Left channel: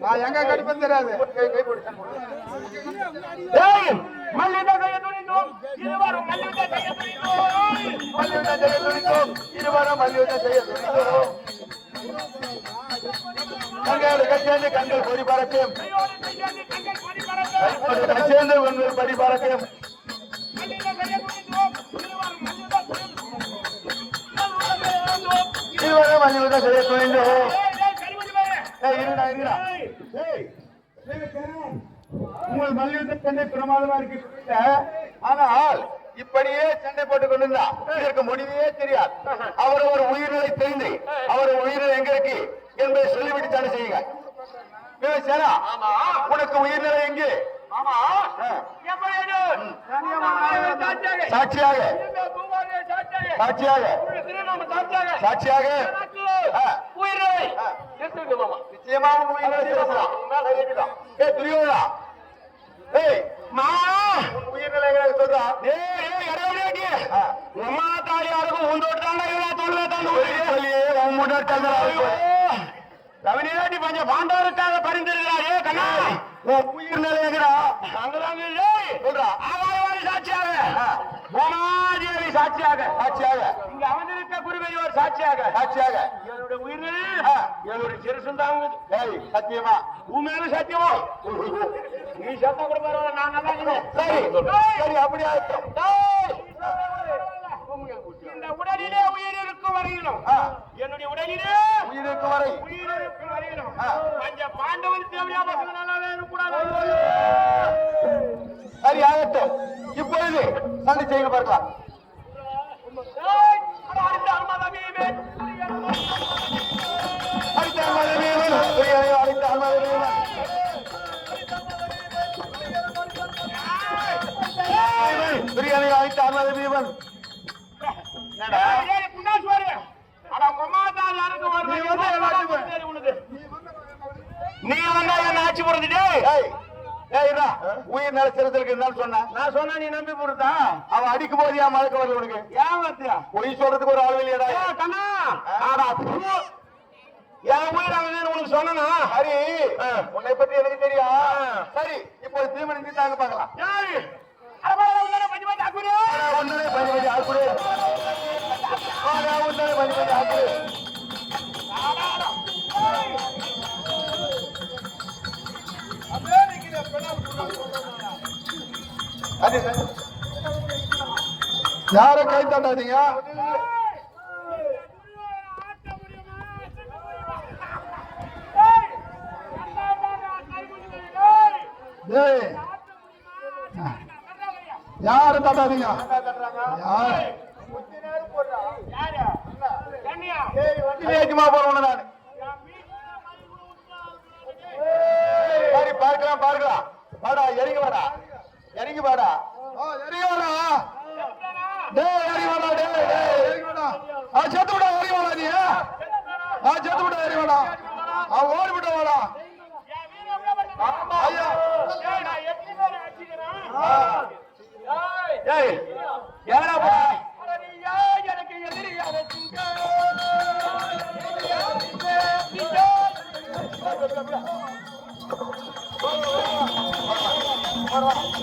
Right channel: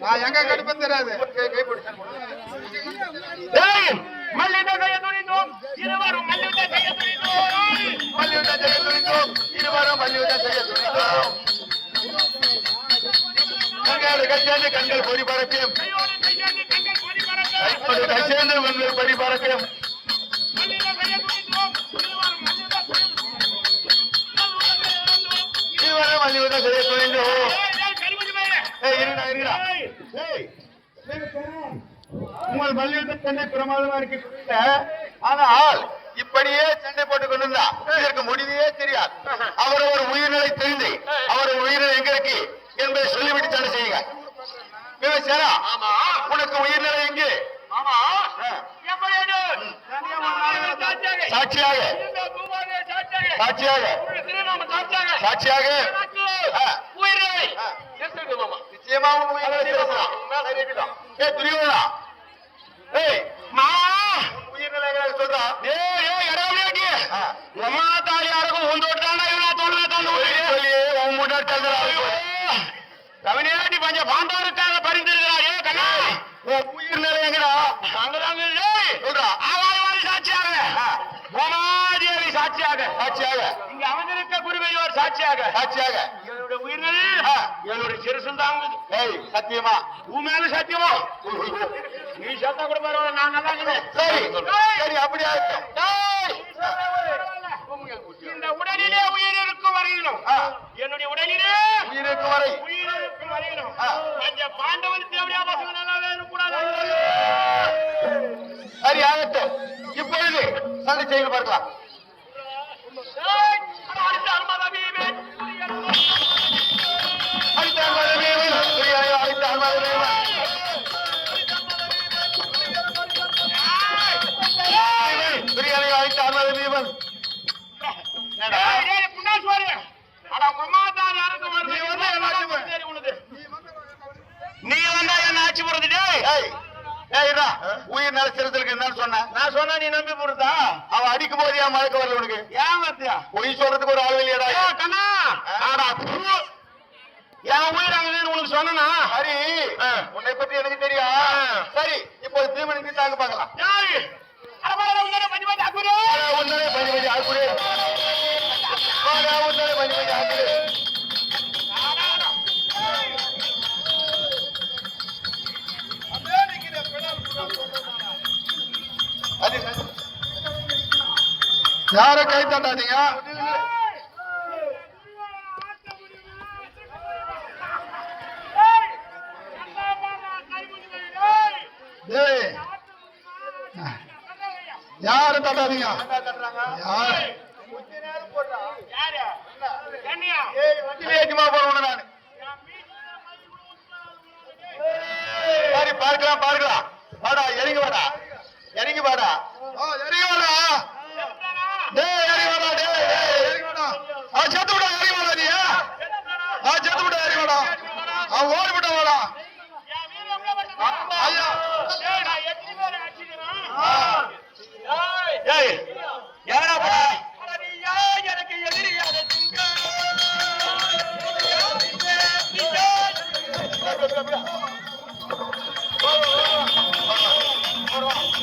நான் எங்க கடிப்பேன் தெரியாது கை கை பிடிச்சு இருவரும் மல்யுத்த செய்ய துணிந்தோம் இருவரும் மல்யுத்த செய்ய துணிந்தோம் கண்கள் கட்சியாண்டு கண்கள் பொறி பறக்கும் கையோடு கையாண்டு பொறி பறக்கும் இருவரும் மல்யுத்த துணிந்தோம் இருடா இருடா ஏய் உங்கள் மல்யுத்த பிரமாதமா இருக்கு. ஆனால் இப்படியே சண்டை போட்டுக் கொண்டிருந்தா இதற்கு முடிவே தெரியாது. அவர் ஒரு உயிர்நிலை தெரிந்து அவர் உயிரிழை எங்க இருக்கு என்பதை சொல்லிவிட்டு சண்டை செய்யுங்க உனக்கு உயிர்நிலை எங்கே? சாட்சியாக. சாட்சியாக. சாட்சியாக. நிச்சயமா உயிர்நிலை. ஏய் துரியோதனா. ஏய் மா. இவனா தோல்வே தந்து சொல்லி சொல்லி உன் முன்னாடி தள்ளுறா. கவிஞராட்டி பஞ்ச பாண்டவருக்காக பரிந்திருக்கிறார் ஏ கண்ணா அங்கதாங்க ஏய் சொல்றா சாட்சியாக சாட்சியாக. இங்க அமர்ந்திருக்க குருபெரியோர் சாட்சியாக. சாட்சியாக. என்னுடைய உயிர்களில் ஆ. என்னுடைய சிறுசும் தாங்குது ஏய் சத்தியமா? உன் மேல சத்தியமா? நீ சத்தா கூட பரவாயில்ல நான் நல்லா இருக்கிறேன். சரி. சரி அப்படியே. இந்த உடலிலே உயிர் இருக்கும் வரையிலும். என்னுடைய உடலிலே உயிருக்கு வரை. உயிர் இருக்கும் வரையிலும். அந்த பாண்டவன் தேவையா பசங்க நல்லாவே இருக்கக்கூடாது சரி ஆகட்டும். இப்பொழுது சண்டை செய்யுங்க பார்க்கலாம். பிரியாணி அடித்த அன்பாதமேவன். என்னடா? நீ வந்து என்ன ஆட்சி இருடா. உயிர் நல சிறுத்தைக்கு என்னன்னு சொன்னேன் நான் சொன்னா நீ நம்பி போடுதா அவன் அடிக்கும் போது ஏன் மழக்க வரல உனக்கு? ஏன் வத்தியா பொய் சொல்றதுக்கு ஒரு ஆள் இல்லையடா. கண்ணா. ஆடா. என் உயிர் அங்கே உனக்கு சொன்னா சரி. உன்னை பத்தி எனக்கு தெரியும். சரி இப்போ தீமணி தாங்க பார்க்கலாம் யார கை தட்டாதீங்க ஏய் யார தட்டாதீங்க? யார்? ஏற்றுமா போறவன நானு. சரி பார்க்கலாம் பார்க்கலாம். வாடா இறங்கி வாடா. இறங்கி வாடா. இறங்கி வாடா. டேய் இறங்கி வாடா டேய், இறங்கி வாடா. ஆ செத்து விடா இறங்கி வாடா நீ. ஆ செத்து விடா இறங்கி வாடா. ஆ ஓடி ஏய்